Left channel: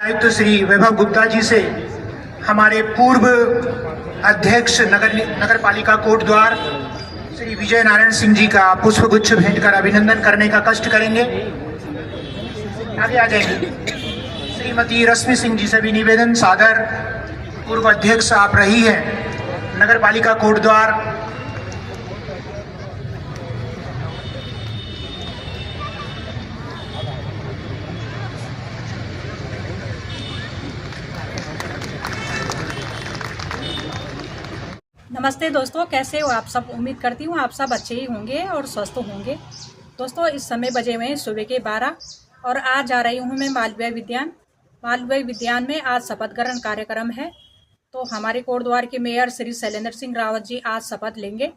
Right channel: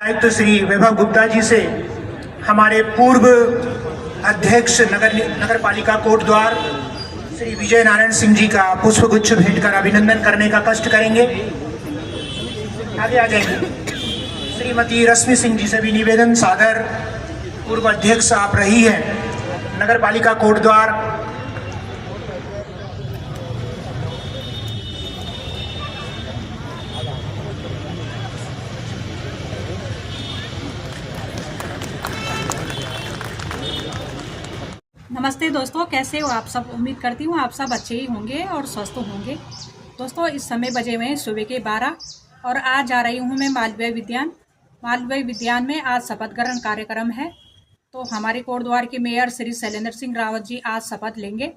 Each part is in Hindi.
आयुक्त श्री वैभव गुप्ता जी से हमारे पूर्व अध्यक्ष नगर पालिका कोटद्वार श्री विजय नारायण सिंह जी का पुष्पगुच्छ भेंट कर अभिनंदन करने का कष्ट करेंगे। आगे आ जाएंगे। श्रीमती रश्मि सिंह जी से भी निवेदन, सादर पूर्व अध्यक्ष आप रही हैं नगर पालिका कोटद्वार। नमस्ते दोस्तों, कैसे हो आप सब। उम्मीद करती हूँ आप सब अच्छे ही होंगे और स्वस्थ होंगे। दोस्तों, इस समय बजे हुए हैं सुबह के 12 और आज जा रही हूँ मैं मालवीय विद्यान में आज शपथ ग्रहण कार्यक्रम है। तो हमारे कोटद्वार के मेयर श्री शैलेंद्र सिंह रावत जी आज शपथ लेंगे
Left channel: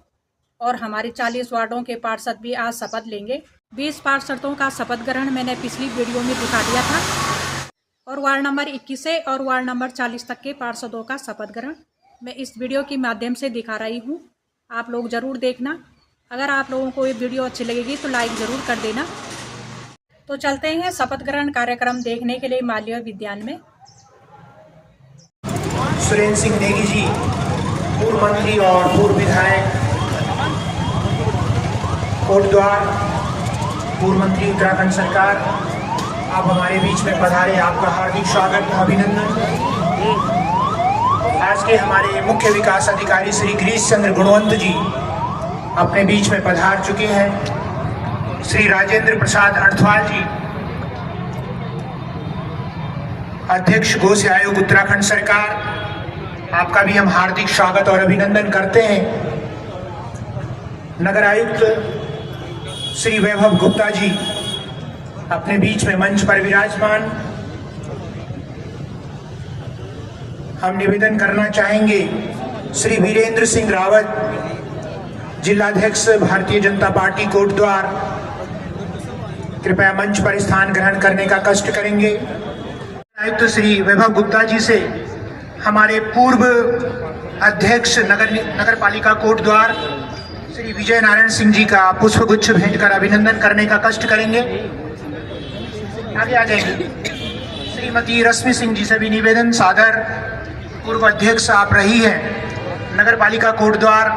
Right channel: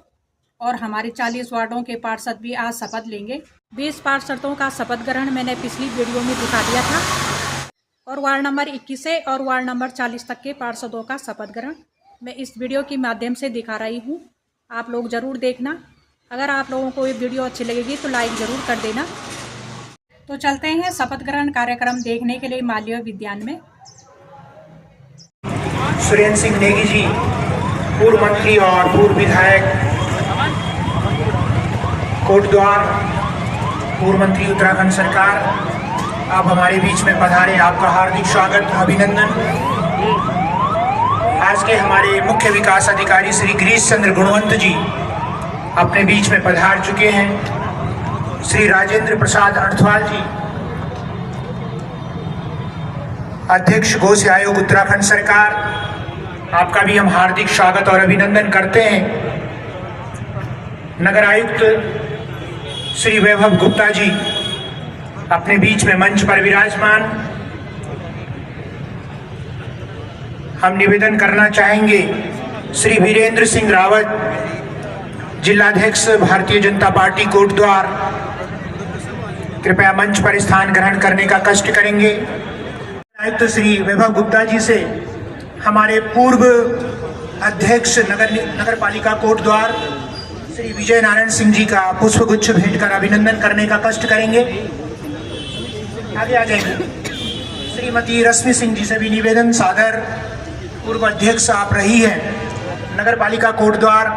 और हमारे 40 वार्डों के पार्षद भी आज शपथ लेंगे। 20 पार्षदों का शपथ ग्रहण मैंने पिछली वीडियो में दिखा दिया था और वार्ड नंबर 21 से और वार्ड नंबर 40 तक के पार्षदों का शपथ ग्रहण मैं इस वीडियो के माध्यम से दिखा रही हूँ। आप लोग ज़रूर देखना। अगर आप लोगों को ये वीडियो अच्छी लगेगी तो लाइक ज़रूर कर देना। तो चलते हैं शपथ ग्रहण कार्यक्रम देखने के लिए मालवीय विद्यान में। सुरेंद्र सिंह नेगी जी, पूर्व मंत्री और पूर्व विधायक कोटद्वार, पूर्व मंत्री उत्तराखंड सरकार, आप हमारे बीच में पधारे। आपका हार्दिक स्वागत, अभिनंदन। आज के हमारे मुख्य विकास अधिकारी श्री गिरीश चंद्र गुणवंत जी अपने बीच में पधार चुके हैं। श्री राजेंद्र प्रसाद अर्थवाल जी, अध्यक्ष गो से आयोग उत्तराखंड सरकार, आपका भी हम हार्दिक स्वागत और अभिनंदन करते हैं। नगर आयुक्त श्री वैभव गुप्ता जी अपने बीच में मंच पर विराजमान। हम निवेदन करना चाहेंगे श्री वीरेंद्र सिंह रावत, जिलाध्यक्ष भारतीय जनता पार्टी कोटद्वार, कृपया मंच पर स्थान ग्रहण करने का कष्ट करेंगे। आयुक्त श्री वैभव गुप्ता जी से हमारे पूर्व अध्यक्ष नगर पालिका कोटद्वार श्री विजय नारायण सिंह जी का पुष्पगुच्छ भेंट कर अभिनंदन करने का कष्ट करेंगे। आगे आ जाएंगे। श्रीमती रश्मि सिंह जी से भी निवेदन, सादर पूर्व अध्यक्ष आप रही हैं नगर पालिका कोटद्वार।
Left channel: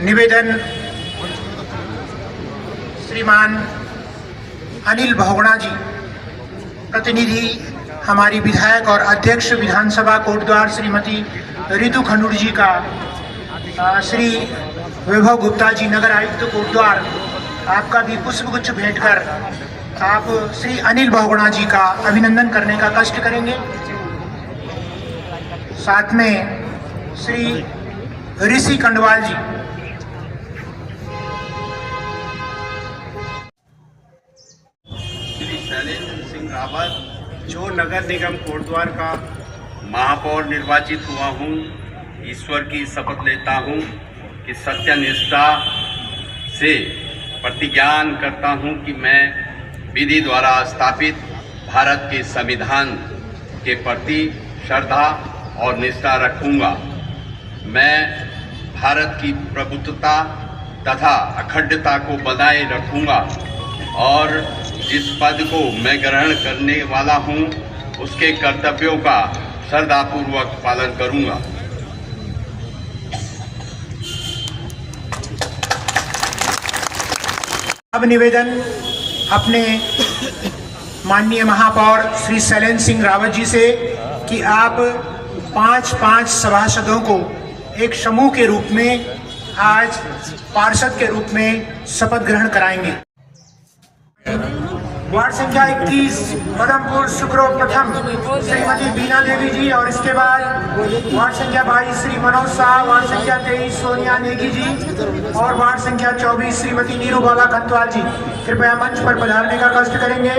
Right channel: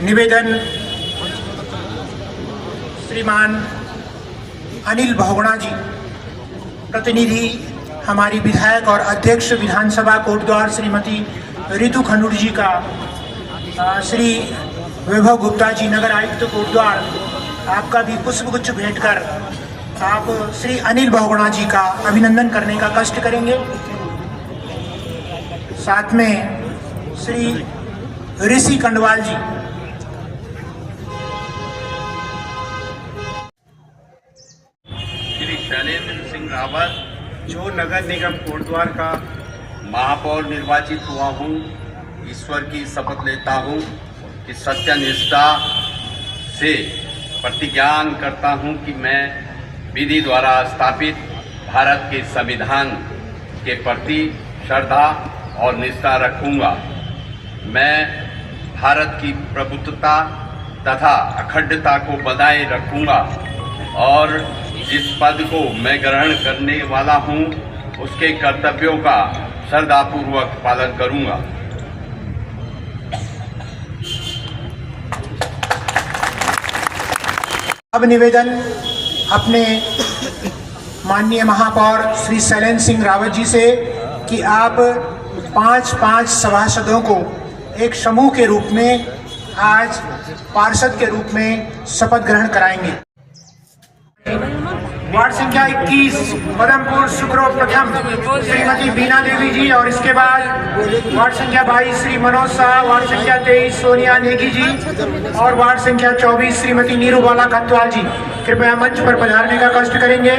निवेदन, श्रीमान अनिल बहुगुणा जी, प्रतिनिधि हमारी विधायक और अध्यक्ष विधानसभा कोटद्वार श्रीमती रितु खंडूर जी का श्री वैभव गुप्ता जी नगर आयुक्त कोटद्वार, आपका भी पुष्पगुच्छ भेंट कर आप श्री अनिल बहुगुणा जी का अभिनंदन करने का कष्ट करेंगे। साथ में श्री ऋषि कंडवाल जी, श्री शैलेंद्र सिंह रावत, जो नगर निगम कोटद्वार का महापौर निर्वाचित हुआ हूँ, ईश्वर की शपथ लेता हूँ कि सत्यनिष्ठा से प्रतिज्ञान करता हूँ कि मैं विधि द्वारा स्थापित भारत के संविधान के प्रति श्रद्धा और निष्ठा रखूँगा। मैं भारत की प्रभुत्वता तथा अखंडता को बनाए रखूँगा और जिस पद को मैं ग्रहण करने वाला हूँ उसके कर्तव्यों का श्रद्धापूर्वक पालन करूंगा। अब निवेदन अपने माननीय महापौर श्री शैलेंद्र सिंह रावत जी से कि आप 5 सभासदों को एक समूह के रूप में आज पार्षद के रूप में शपथ ग्रहण कराएंगे। वार्ड संख्या 21 पदमपुर शुक्रो प्रथम श्रीमती बीना देवी जी, और इसके बाद वार्ड संख्या 22 श्री मनोज शाह, वार्ड संख्या 23 सोनिया नेगी जी और वार्ड संख्या 24 श्रीमती नीरूबाला खतवाल जी, कृपया मंच पर पधारने का कष्ट करेंगे।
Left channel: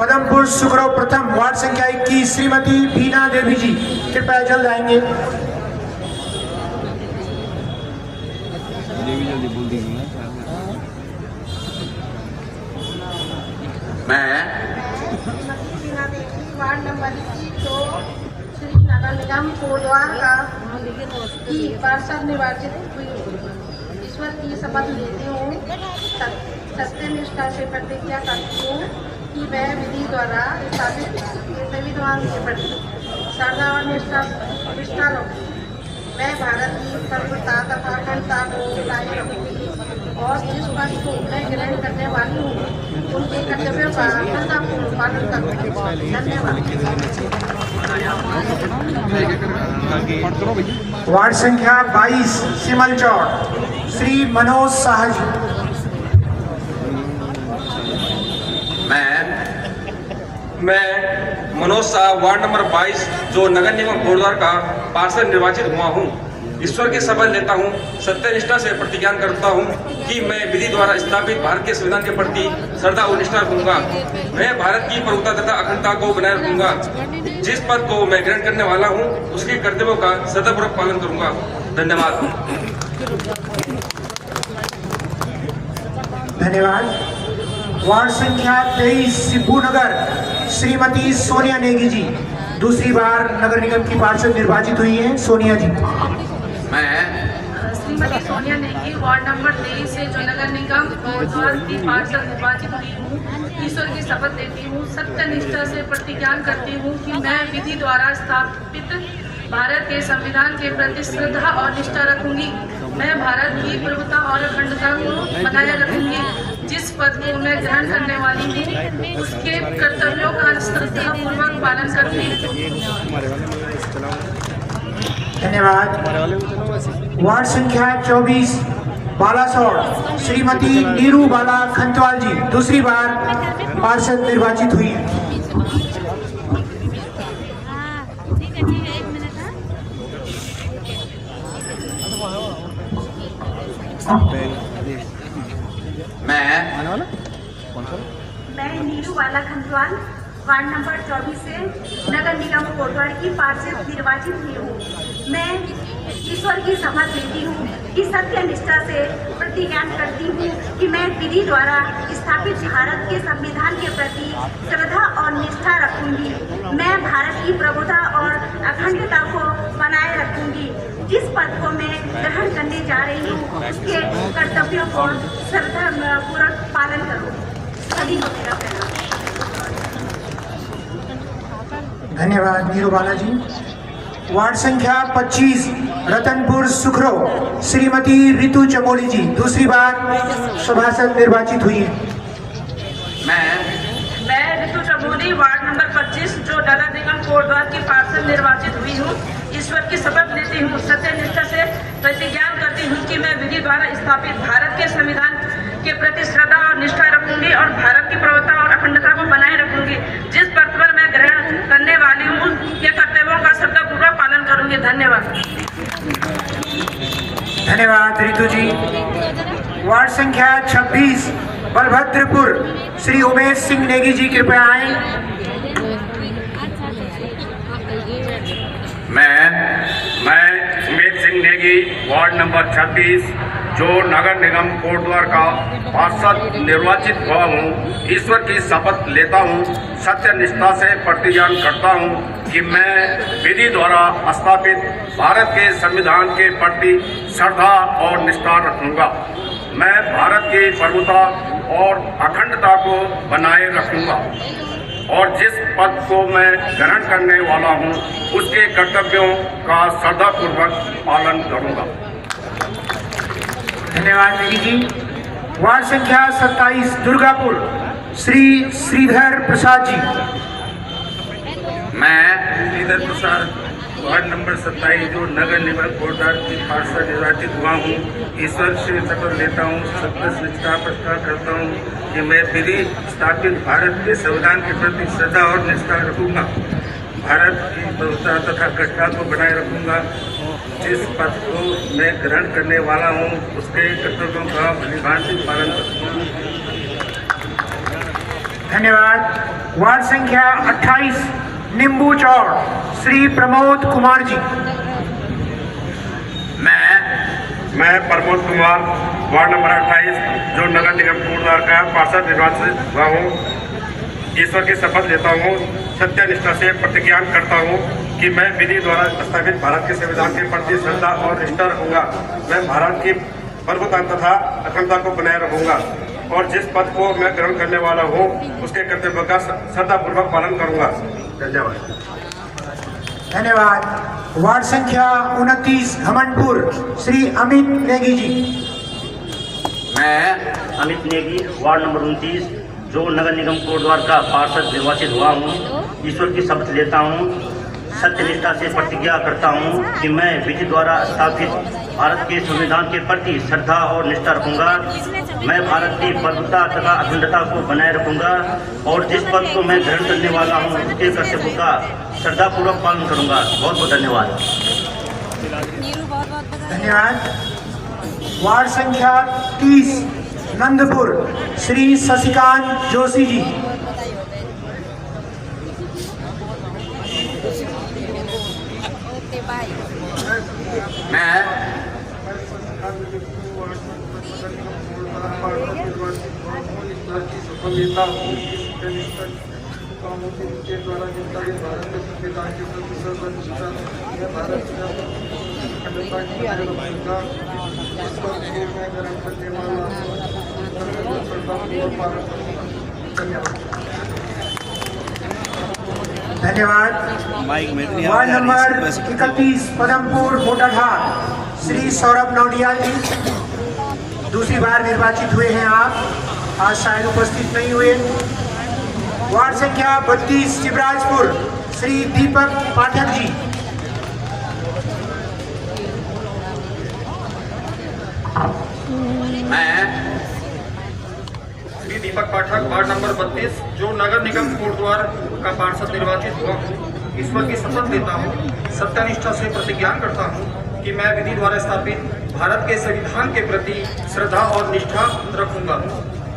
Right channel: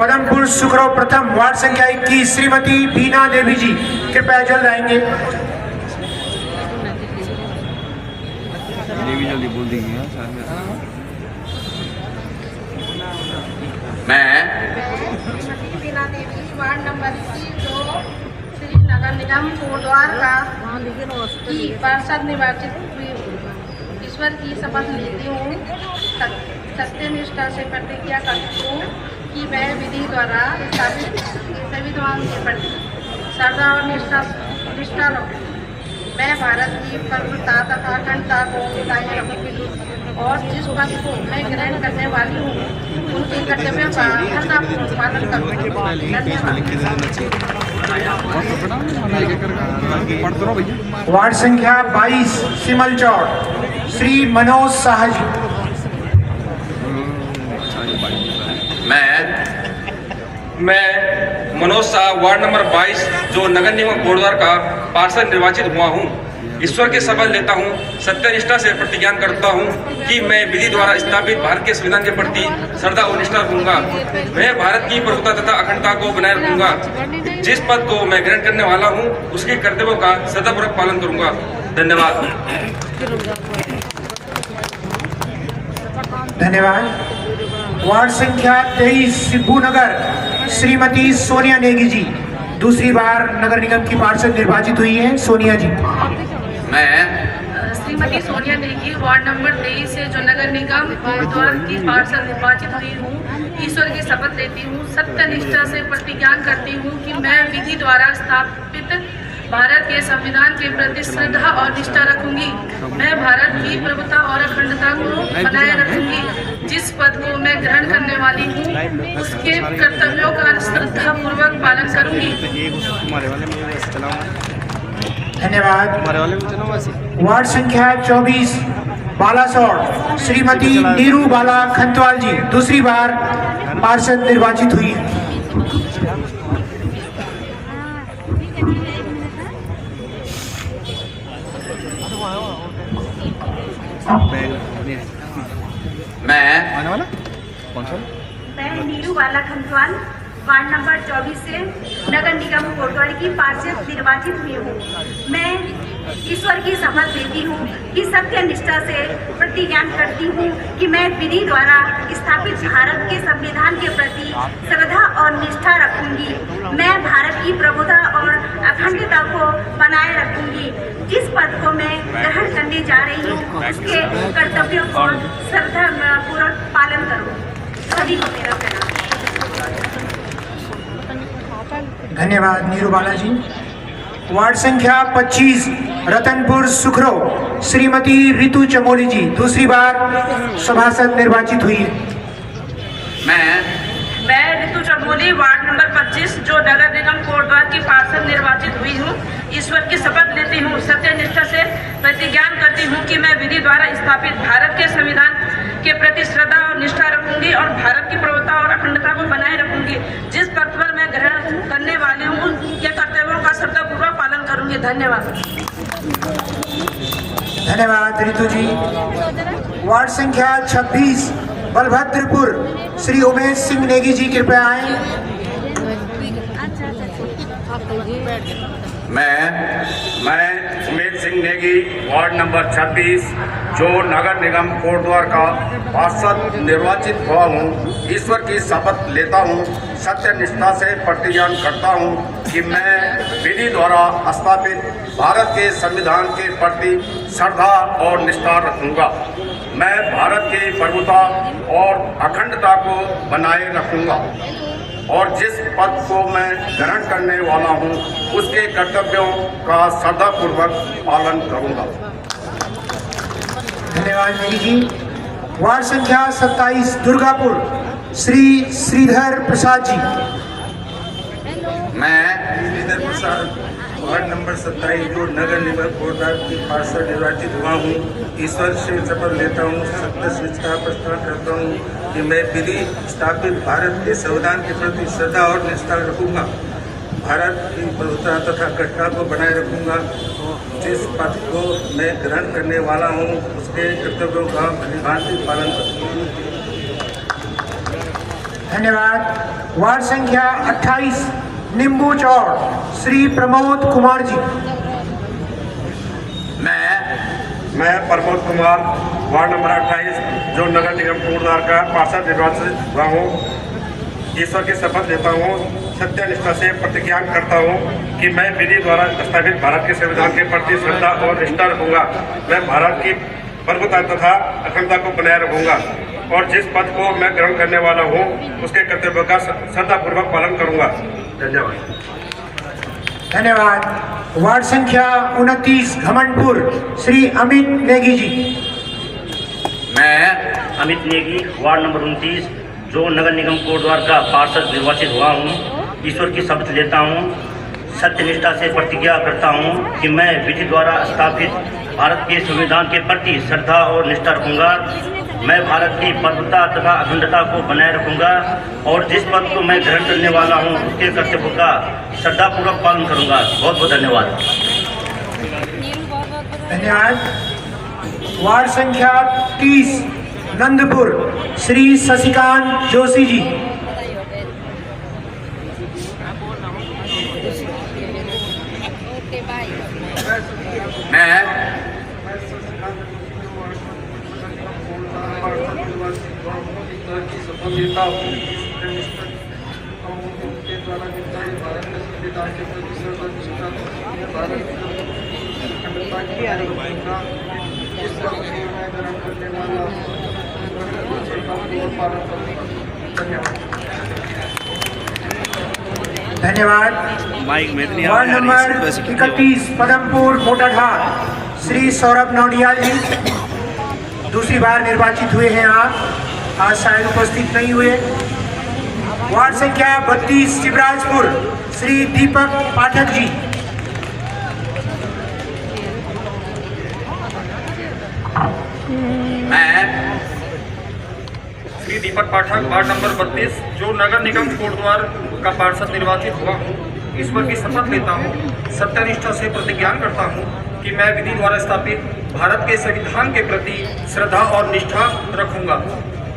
पदमपुर शुक्रो प्रथम वार्ड संख्या 21 श्रीमती बीना देवी जी, कृपया जल्द आएंगे। देवी जल्दी बोल देंगे। मैं वार्ड नंबर 24 निगम कोटद्वार का की पार्षद निर्वाचित हुई हूँ। ईश्वर की शपथ लेती हूँ, सत्यनिष्ठा से प्रतिज्ञा करती हूँ कि मैं विधि द्वारा स्थापित संविधान के प्रति श्रद्धा और निष्ठा रखूँगी। मैं भारत की प्रभुता तथा अखंडता को बनाए रखूँगी और जिस पद को मैं ग्रहण करने वाली हूँ उनके कर्तव्यों का श्रद्धापूर्वक पालन करूँगी। धन्यवाद। वार्ड संख्या 22 सिमल चौड़ श्री मनोज शाह जी। मैं मनोज शाह वार्ड नंबर 22 जो नगर निगम कोटद्वार का पार्षद निर्वाचित हुआ हूँ, ईश्वर की शपथ लेता हूँ, सत्यनिष्ठा से प्रतिज्ञा करता हूँ कि मैं विधि द्वारा स्थापित भारत के संविधान के प्रति श्रद्धा और निष्ठा रखूंगा। मैं भारत की प्रभुता तथा अखंडता को बनाए रखूंगा। जिस पद को मैं ग्रहण करने वाला हूँ उसके कर्तव्यों का श्रद्धापूर्वक पालन करूंगा। धन्यवाद। धन्यवाद। वार्ड संख्या 23 सिब्बू नगर श्रीमती सोनिया नेगी जी दूसरी बार नगर निगम की पार्षद निर्वाचित हुई हैं। सोनिया जी। श्रीमती सोनिया नेगी वार्ड नंबर 23 से जो नगर निगम कोटद्वार की पार्षद निर्वाचित हुई हूँ, ईश्वर की शपथ लेती हूँ, सत्यनिष्ठा से प्रतिज्ञा करती हूँ कि मैं विधि द्वारा स्थापित भारत के संविधान के प्रति श्रद्धा और निष्ठा रखूंगी। मैं भारत की प्रभुता और अखंडता को बनाए रखूंगी। जिस पद को मैं ग्रहण करने वाली हूँ उसके कर्तव्यों का श्रद्धापूर्वक पालन करूंगी। धन्यवाद। वार्ड संख्या 24 बालासोर श्रीमती नीरू बाला खंतवाल जी दूसरी बार पार्षद निर्वाचित हुई। मैं नीरू बाला खंतवाल वार्ड नंबर 24 से नगर निगम कोटद्वार की पार्षद निर्वाचित हुई हूँ। मैं ईश्वर की शपथ लेती हूँ कि सत्य निष्ठा से प्रतिज्ञा करती हूँ कि मैं विधि द्वारा स्थापित भारत के संविधान के प्रति श्रद्धा और निष्ठा रखूंगी। मैं भारत की प्रभुता और अखंडता को बनाए रखूंगी। जिस पद को मैं ग्रहण करने जा रही हूँ उसके कर्तव्यों को श्रद्धापूर्वक पालन करूँगी। सभी को मेरा प्रणाम। धन्यवाद नीरू बाला जी। वार्ड संख्या 25 रतनपुर सुखरो श्रीमती रितु चमोली जी दूसरी बार सभासद निर्वाचित हुई। मैं रितु चमोली वार्ड नंबर 25 जो नगर निगम कोटद्वार की पार्षद निर्वाचित हुई हूँ, ईश्वर की शपथ लेती हूँ, सत्यनिष्ठा से प्रतिज्ञा करती हूँ कि मैं विधि द्वारा स्थापित भारत के संविधान के प्रति श्रद्धा और निष्ठा रखूंगी और भारत की प्रभुता और अखंडता को बनाए रखूंगी। जिस पद पर मैं ग्रहण करने वाली हूँ के कर्तव्यों का श्रद्धापूर्वक पालन करूंगी। धन्यवाद। धन्यवाद रितु जी। वार्ड संख्या 26 बलभद्रपुर श्री उमेश सिंह नेगी जी कृपया आए। मैं उमेश सिंह नेगी वार्ड नंबर 26 जो नगर निगम कोटद्वार का पार्षद निर्वाचित हुआ हूँ, ईश्वर की शपथ लेता हूँ, सत्यनिष्ठा से प्रतिज्ञा करता हूँ कि मैं विधि द्वारा स्थापित भारत के संविधान के प्रति श्रद्धा और निष्ठा रखूँगा। मैं भारत की प्रभुता और अखंडता को बनाए रखूँगा और जिस पद को मैं ग्रहण करने वाला हूँ उसके कर्तव्यों का श्रद्धापूर्वक पालन करूँगा। धन्यवाद नेगी जी। वार्ड संख्या 27 दुर्गापुर श्री श्रीधर प्रसाद जी। मैं श्रीधर प्रसाद वार्ड नंबर 27 जो नगर निगम कोटद्वार की पार्षद निर्वाचित हुआ हूँ, ईश्वर से शपथ लेता हूँ, सत्यनिष्ठा प्रतिज्ञा करता हूँ कि मैं विधि स्थापित भारत के संविधान के प्रति श्रद्धा और निष्ठा रखूँगा। भारत की प्रभुता तथा अखंडता को बनाए रखूँगा। जिस पद को मैं ग्रहण करने वाला हूँ उसके कर्तव्यों का निभाकर पालन करूँगा। धन्यवाद। वार्ड संख्या 28 नींबू चौड़ श्री प्रमोद कुमार जी। मैं प्रमोद कुमार वार्ड नंबर 28 जो नगर निगम कोटद्वार का पार्षद निर्वाचित हुआ हूँ, ईश्वर की शपथ लेता हूँ, सत्यनिष्ठा से प्रतिज्ञा करता हूँ कि मैं विधि द्वारा स्थापित भारत के संविधान के प्रति श्रद्धा और निष्ठा रखूंगा। मैं भारत की प्रभुता तथा अखंडता को बनाए रखूंगा और जिस पद को मैं ग्रहण करने वाला हूँ उसके कर्तव्य का श्रद्धापूर्वक पालन करूंगा। धन्यवाद। धन्यवाद। वार्ड संख्या 29 घमंडपुर श्री अमित नेगी जी। मैं अमित नेगी, वार्ड नंबर 29, जो नगर निगम कोटद्वार का पार्षद निर्वाचित हुआ हूँ, ईश्वर की शपथ लेता हूँ, सत्यनिष्ठा से प्रतिज्ञा करता हूँ कि मैं विधि द्वारा स्थापित भारत के संविधान के प्रति श्रद्धा और निष्ठा रखूंगा। मैं भारत की प्रभुता तथा अखंडता को बनाए रखूंगा और जिस पद को मैं ग्रहण करने वाला हूँ उसके कर्तव्यों का श्रद्धापूर्वक पालन करूंगा। बहुत बहुत धन्यवाद। धन्यवाद। वार्ड संख्या 30 नंदपुर श्री शशिकांत जोशी जी। मैं धन्यवाद। वार्ड नंबर 31 पदमपुर कोटाधार श्री सौरभ नौडियाल जी। दूसरी बार निर्वाचित हुए हैं आप, आज शायद उपस्थित नहीं हुए। वार्ड संख्या 32 शिवराजपुर श्री दीपक पाठक जी। मैं श्री दीपक पाठक, वार्ड नंबर 32, जो नगर निगम कोटद्वार का पार्षद निर्वाचित हुआ हूँ, ईश्वर की शपथ लेता हूँ, सत्यनिष्ठा से प्रतिज्ञा करता हूँ कि मैं विधि द्वारा स्थापित भारत के संविधान के प्रति श्रद्धा और निष्ठा रखूंगा।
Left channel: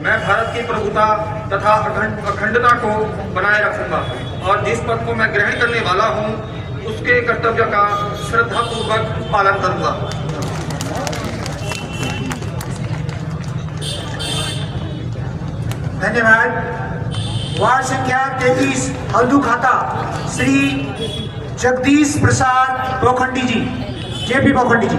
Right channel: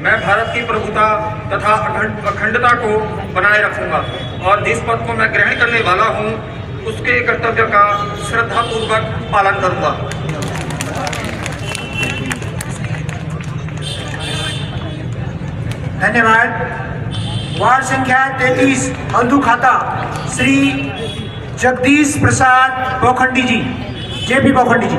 मैं भारत की प्रभुता तथा अखंडता को बनाए रखूंगा और जिस पद को मैं ग्रहण करने वाला हूँ उसके कर्तव्य का श्रद्धापूर्वक पालन करूंगा। धन्यवाद। वार्ड संख्या 33 हल्दू खाता श्री जगदीश प्रसाद बोखंडी जी। जेपी बोखंडी जी।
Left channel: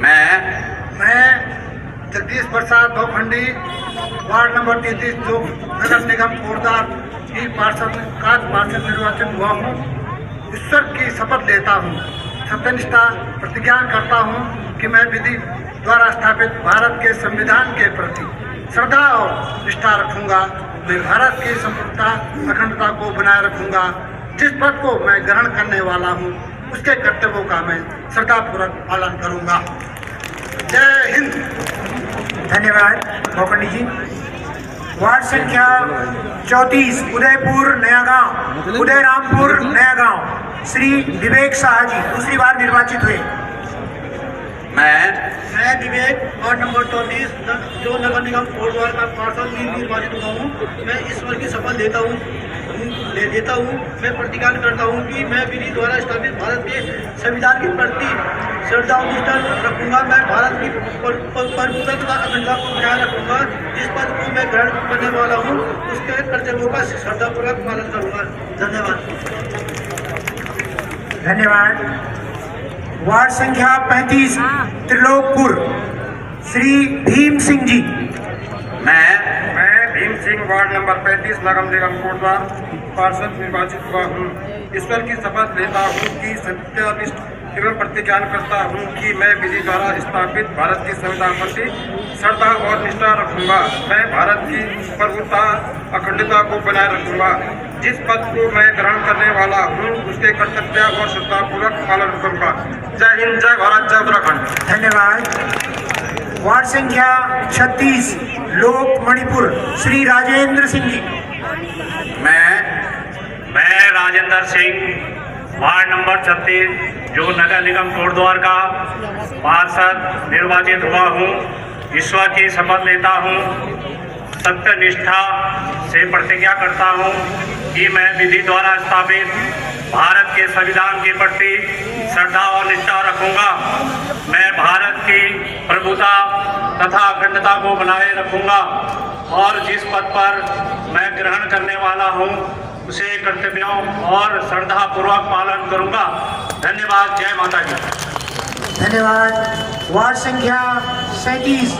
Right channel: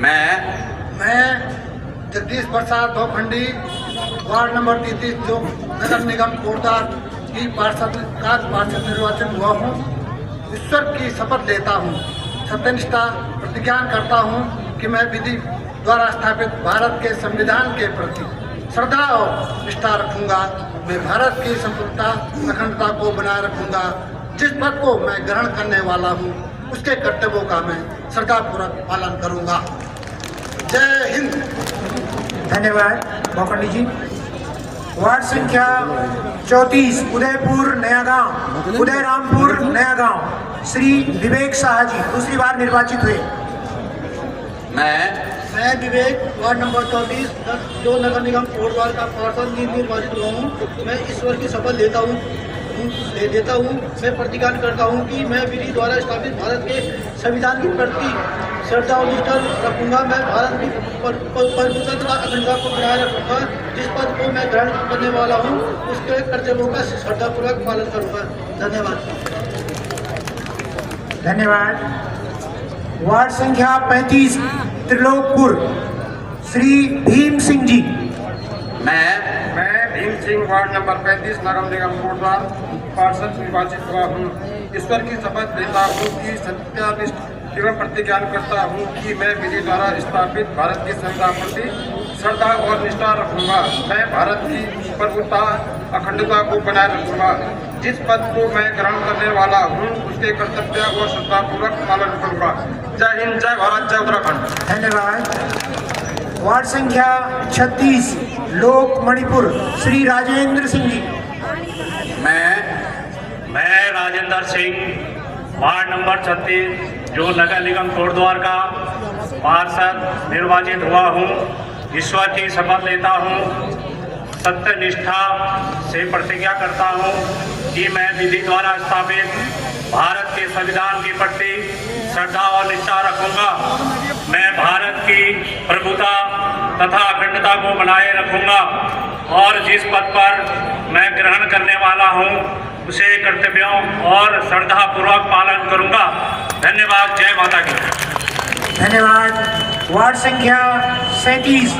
मैं जगदीश प्रसाद बोखंडी, वार्ड नंबर 33, जो नगर निगम कोटद्वार की पार्षद निर्वाचित हुआ हूँ, ईश्वर की शपथ लेता हूँ, सत्यनिष्ठा प्रतिज्ञा करता हूँ कि मैं विधि द्वारा स्थापित भारत के संविधान के प्रति श्रद्धा और निष्ठा रखूंगा। मैं भारत की संप्रभुता अखंडता को बनाए रखूंगा। जिस पद को मैं ग्रहण करने वाला हूँ उसके कर्तव्यों का मैं श्रद्धापूर्वक पालन करूंगा। जय हिंद। धन्यवाद बोखंडी जी। वार्ड संख्या 34 उदयपुर नया गांव उदयरामपुर नया गांव श्री विवेक शाह जी। दूसरी बार निर्वाचित हुए। मैं विवेक, वार्ड नंबर 34, जो नगर निगम कोटद्वार का पार्षद निर्वाचित हुआ हूँ। मैं ईश्वर की शपथ लेता हूँ मैं प्रतिज्ञा करता हूँ कि मैं विधि द्वारा स्थापित भारत के संविधान के प्रति श्रद्धा और निष्ठा रखूंगा। मैं भारत की प्रभुता तथा अखंडता को बनाए रखूंगा। जिस पद को मैं ग्रहण करने वाला हूँ उसके कर्तव्यों का श्रद्धापूर्वक पालन करूंगा। धन्यवाद। धन्यवाद। वार्ड संख्या 35 त्रिलोकपुर श्री भीम सिंह जी। मैं भीम सिंह, वार्ड नंबर 35, नगर निगम कोटद्वार पार्षद निर्वाचित हुआ हूँ। ईश्वर की शपथ लेता हूँ कि सत्यनिष्ठ एवं प्रतिज्ञा करता हूँ कि मैं विधि द्वारा स्थापित भारत के संविधान प्रति श्रद्धा और निष्ठा रखूंगा। मैं भारत की प्रभुता अखंडता को बनाए रखूंगा। जिस पद को मैं ग्रहण करने वाला हूँ उसके कर्तव्य और श्रद्धापूर्वक पालन करूंगा। जय हिंद, जय भारत, जय उत्तराखंड। धन्यवाद। वार्ड संख्या 36 लोक मणिपुर श्री राजेंद्र सिंह जी। मैं राजेंद्र सिंह, वार्ड नंबर 36, जो नगर निगम कोटद्वार का पार्षद निर्वाचित हुआ हूँ। ईश्वर की शपथ लेता हूँ, सत्यनिष्ठा से प्रतिज्ञा करता हूँ कि मैं विधि द्वारा स्थापित भारत के संविधान के प्रति श्रद्धा और निष्ठा रखूंगा। मैं भारत की प्रभुता तथा अखंडता को बनाए रखूंगा और जिस पद पर मैं ग्रहण करने वाला हूं उसे कर्तव्यों और श्रद्धा पूर्वक पालन करूंगा। धन्यवाद। जय माता की। धन्यवाद। वार्ड संख्या 37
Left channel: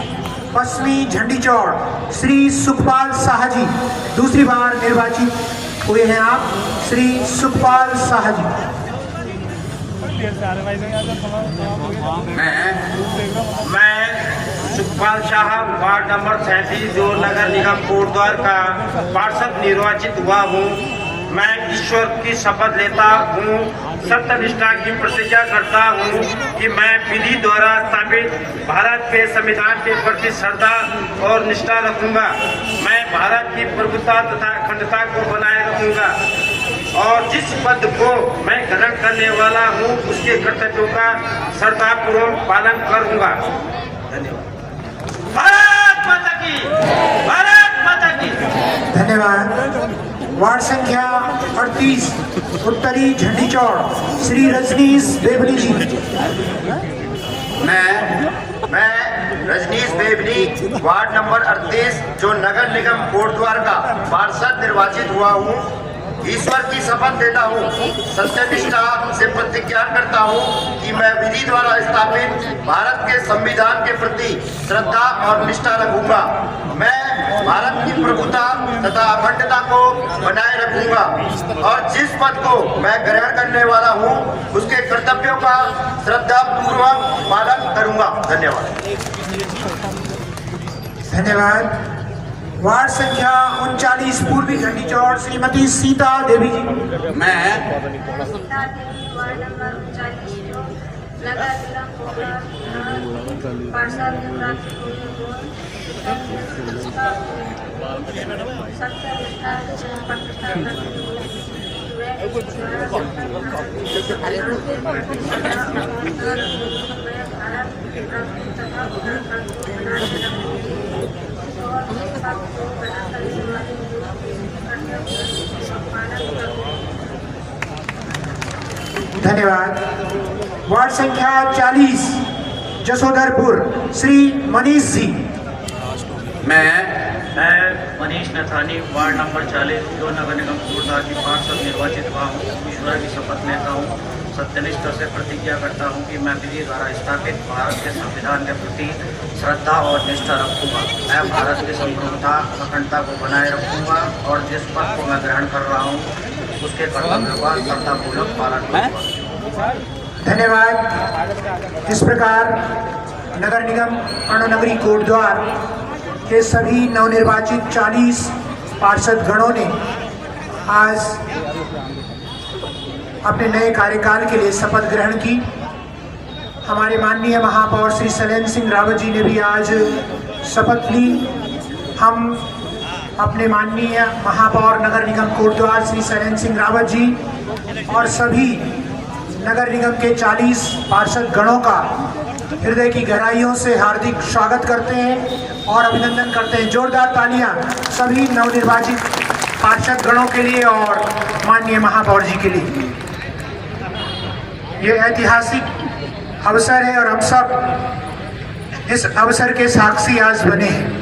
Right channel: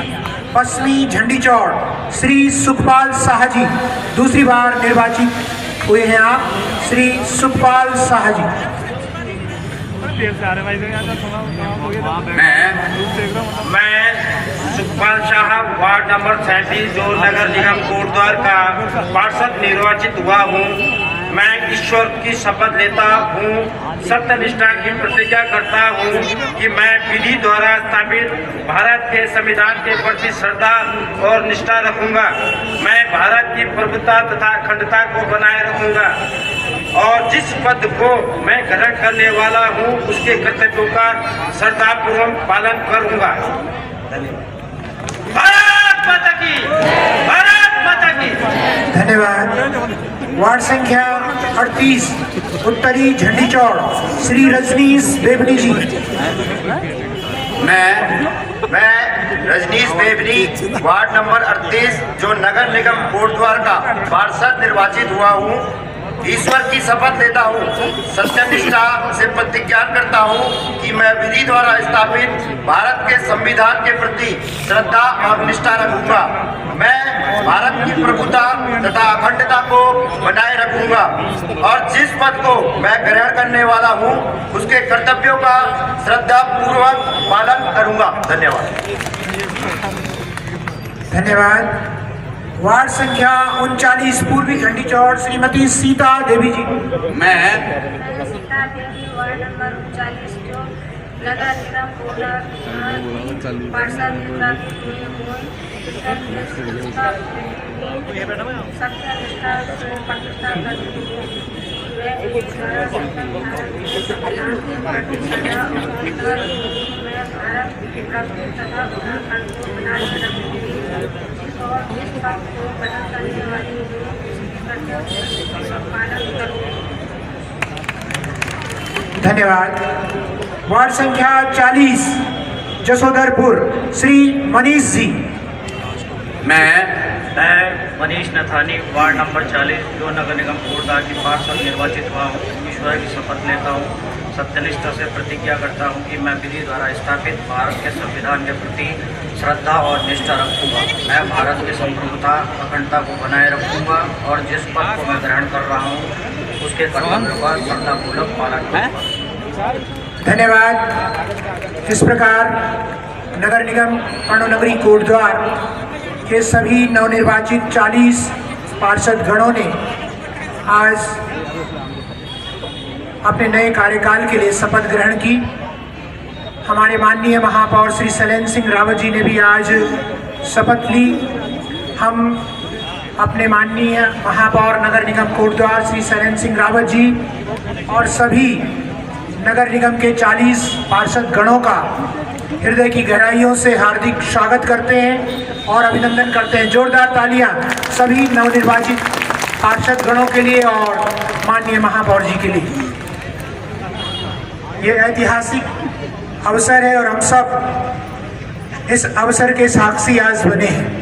पश्चिमी झंडी चौड़ श्री सुखपाल शाह जी, दूसरी बार निर्वाचित हुए हैं आप, श्री सुखपाल शाह जी। मैं सुखपाल शाह वार्ड नंबर 37 जो नगर निगम कोटद्वार का पार्षद निर्वाचित हुआ हूँ। मैं ईश्वर की शपथ लेता हूँ, सत्यनिष्ठा की प्रतिज्ञा करता हूँ कि मैं विधि द्वारा स्थापित भारत के संविधान के प्रति श्रद्धा और निष्ठा रखूंगा। मैं भारत की प्रभुता तथा अखंडता को बनाए रखूंगा और जिस पद को मैं ग्रहण करने वाला हूँ उसके कर्तव्यों का श्रद्धापूर्वक पालन करूंगा। भारत माता की, भारत माता की। धन्यवाद। वार्ड संख्या 38 उत्तरी झंडी चौड़ श्री रजनीश बेबली जी। मैं रजनीश बेबली वार्ड नंबर 38 जो नगर निगम कोटद्वार का पार्षद निर्वाचित हुआ हूँ। ईश्वर की शपथ लेता हूँ, सत्यनिष्ठा से प्रतिज्ञा करता हूँ कि मैं विधि द्वारा स्थापित भारत के संविधान के प्रति श्रद्धा और निष्ठा रखूंगा। मैं भारत की प्रभुता तथा अखंडता को बनाए रखूंगा और जिस पद को मैं ग्रहण करने वाला हूँ उसके कर्तव्यों का श्रद्धा पूर्वक पालन करूंगा। धन्यवाद। धन्यवाद। वार्ड संख्या 39 पूर्वी झंडी चौड़ श्रीमती सीता देवी जी। सीता देवी वार्ड नंबर 39 जो नगर निगम कोटद्वार पार्षद निर्वाचित हुई हूँ। सत्यनिष्ठा से प्रतिज्ञा करती धन्यवाद। वार्ड संख्या 40 जसोधरपुर श्री मनीष जी। मैं मनीष नथानी वार्ड नंबर 40 जो नगर निगम कोटद्वार की पार्षद निर्वाचित हुआ हूँ। ईश्वर की शपथ लेता हूँ, सत्यनिष्ठा से प्रतिज्ञा करता हूँ कि मैं विधि द्वारा स्थापित भारत के संविधान के प्रति श्रद्धा और निष्ठा रखूँगा। मैं भारत की संप्रभुता अखंडता को बनाए रखूँगा और जिस पद को मैं ग्रहण कर रहा हूँ उसके कर्तव्यों का श्रद्धापूर्वक पालन करूँगा। धन्यवाद। इस प्रकार नगर निगम पर्णनगरी कोटद्वार के सभी नवनिर्वाचित 40 पार्षद गणों ने आज अपने नए कार्यकाल के लिए शपथ ग्रहण की। हमारे माननीय महापौर श्री शैलेंद्र सिंह रावत जी ने भी आज शपथ ली। हम अपने माननीय महापौर नगर निगम कोटद्वार श्री शैलेंद्र सिंह रावत जी और सभी नगर निगम के 40 पार्षद गणों का हृदय की गहराइयों से हार्दिक स्वागत करते हैं और अभिनंदन करते हैं। जोरदार तालियां सभी नवनिर्वाचित पार्षद गणों के लिए और माननीय महापौर जी के लिए। ये ऐतिहासिक अवसर है और हम सब इस अवसर के साक्षी आज बने हैं।